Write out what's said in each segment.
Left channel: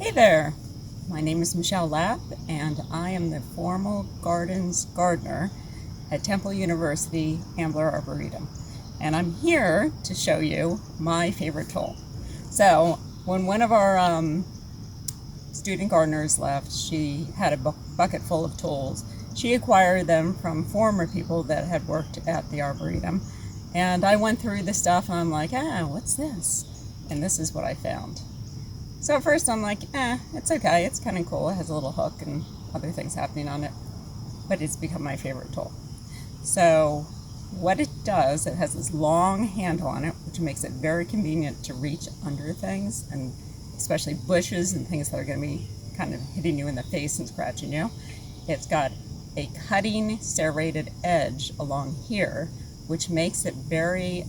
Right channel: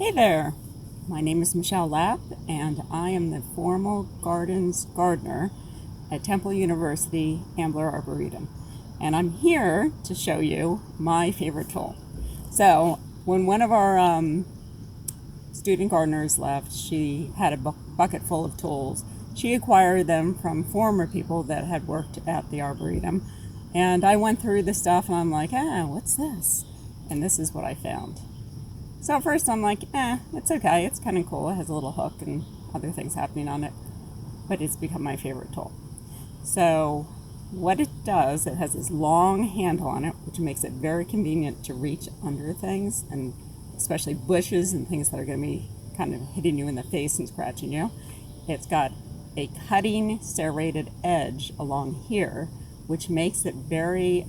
Hey there, my name is Michelle Lapp and I am the Formal Gardens Gardener at Temple University Ambler Arboretum, and I'm here to show you my favorite tool. So when one of our student gardeners left, she had a bucket full of tools. She acquired them from former people that had worked at the Arboretum, and I went through the stuff and I'm like, what's this? And this is what I found. So at first I'm like, it's okay, it's kind of cool. It has a little hook and other things happening on it, but it's become my favorite tool. So what it does, it has this long handle on it, which makes it very convenient to reach under things, and especially bushes and things that are going to be kind of hitting you in the face and scratching you. It's got a cutting serrated edge along here, which makes it very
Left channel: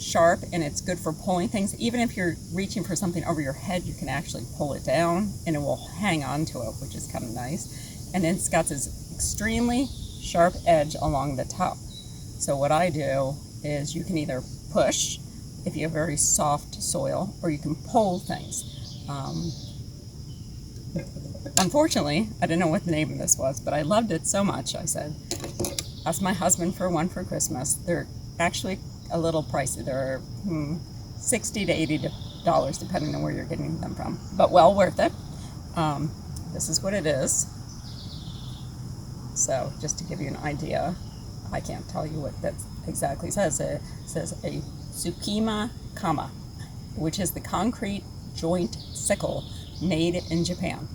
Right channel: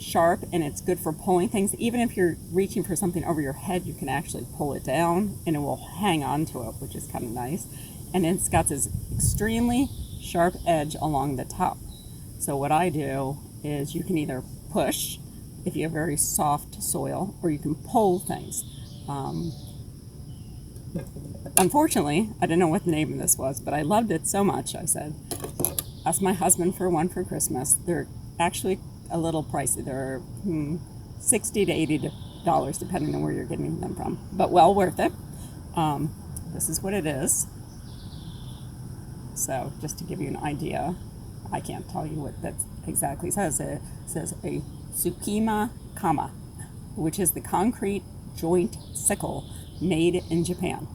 sharp, and it's good for pulling things. Even if you're reaching for something over your head, you can actually pull it down and it will hang on to it, which is kind of nice. And it's got this extremely sharp edge along the top. So what I do is you can either push if you have very soft soil, or you can pull things. Unfortunately, I didn't know what the name of this was, but I loved it so much, I said, ask my husband for one for Christmas. They're actually a little pricey. They're $60 to $80 depending on where you're getting them from, but well worth it. This is what it is. So just to give you an idea, I can't tell you what that exactly says. It says a Tsukima Kama, which is the concrete joint sickle made in Japan.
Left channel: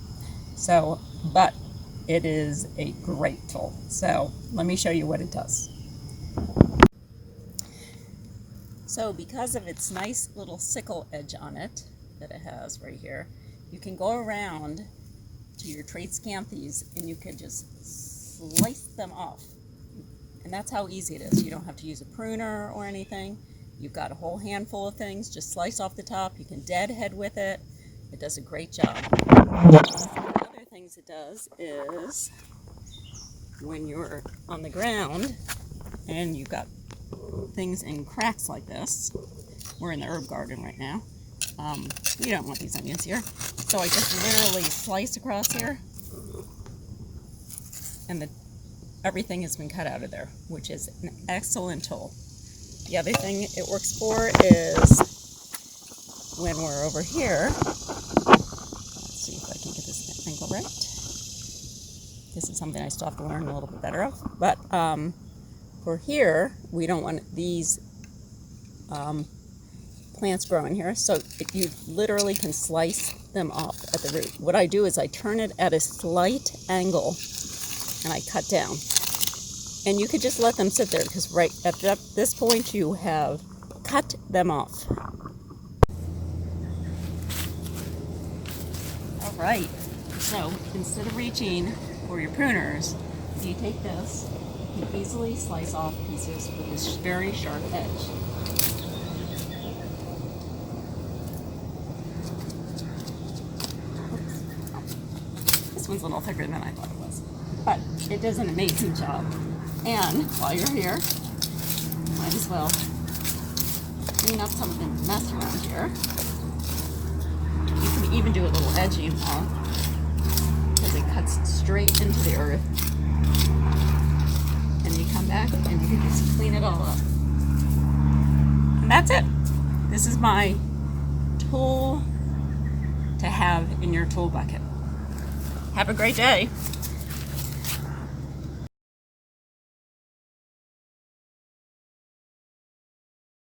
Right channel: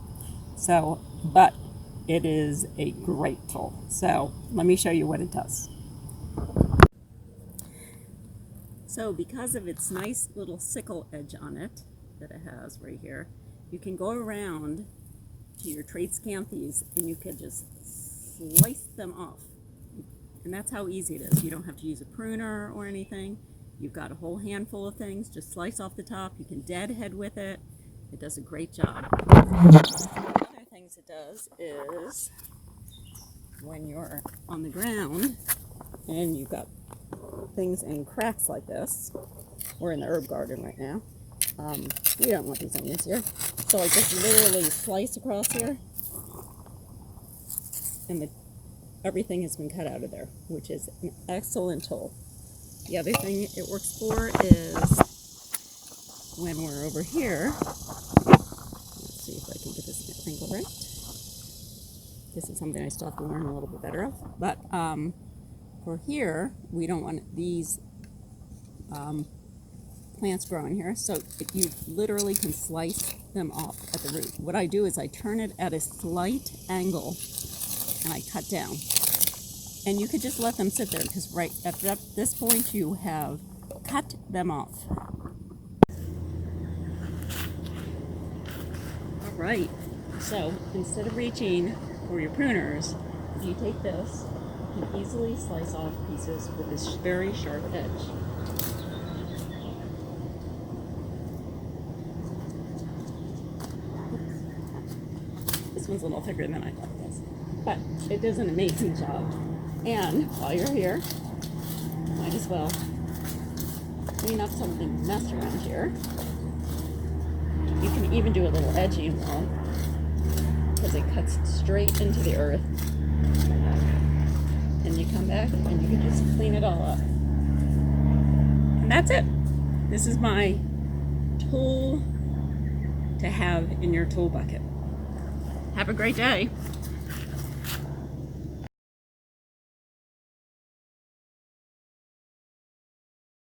So, but it is a great tool. So let me show you what it does. So because of its nice little sickle edge on it that it has right here, you can go around to your Tradescanthus and you could just slice them off. And that's how easy it is. You don't have to use a pruner or anything. You've got a whole handful of things, just slice off the top. You can deadhead with it. It does a great job. Other things it does is when you're on the ground and you've got things in cracks like this. We're in the herb garden right now. We don't want these onions here. So I just literally slice across here and everything has been cut out of there, which is an excellent tool. The other thing it works for is when we're over here. Let's see if I can get this angle right. This is something I still have to learn a little bit better of. But for here, we don't want these plants growing here, so you literally can slice them off at the root. What I do is I turn it at a slight angle and I cut down. And you could just let them sit there, because right at this point you have cut them off. All right, so instead of reaching for your pruners, you take this. You can easily slice off pieces with this very sharp edge. This one's a little thicker than I thought it was, but it does an amazing job. And while you're here, might as well clean up some of the mess around here. You can even do a little edging now, because it cuts straight into the earth. And you come back and you can just clean it all up. And that's it. This is my tool to have in your tool bucket. Have a great day.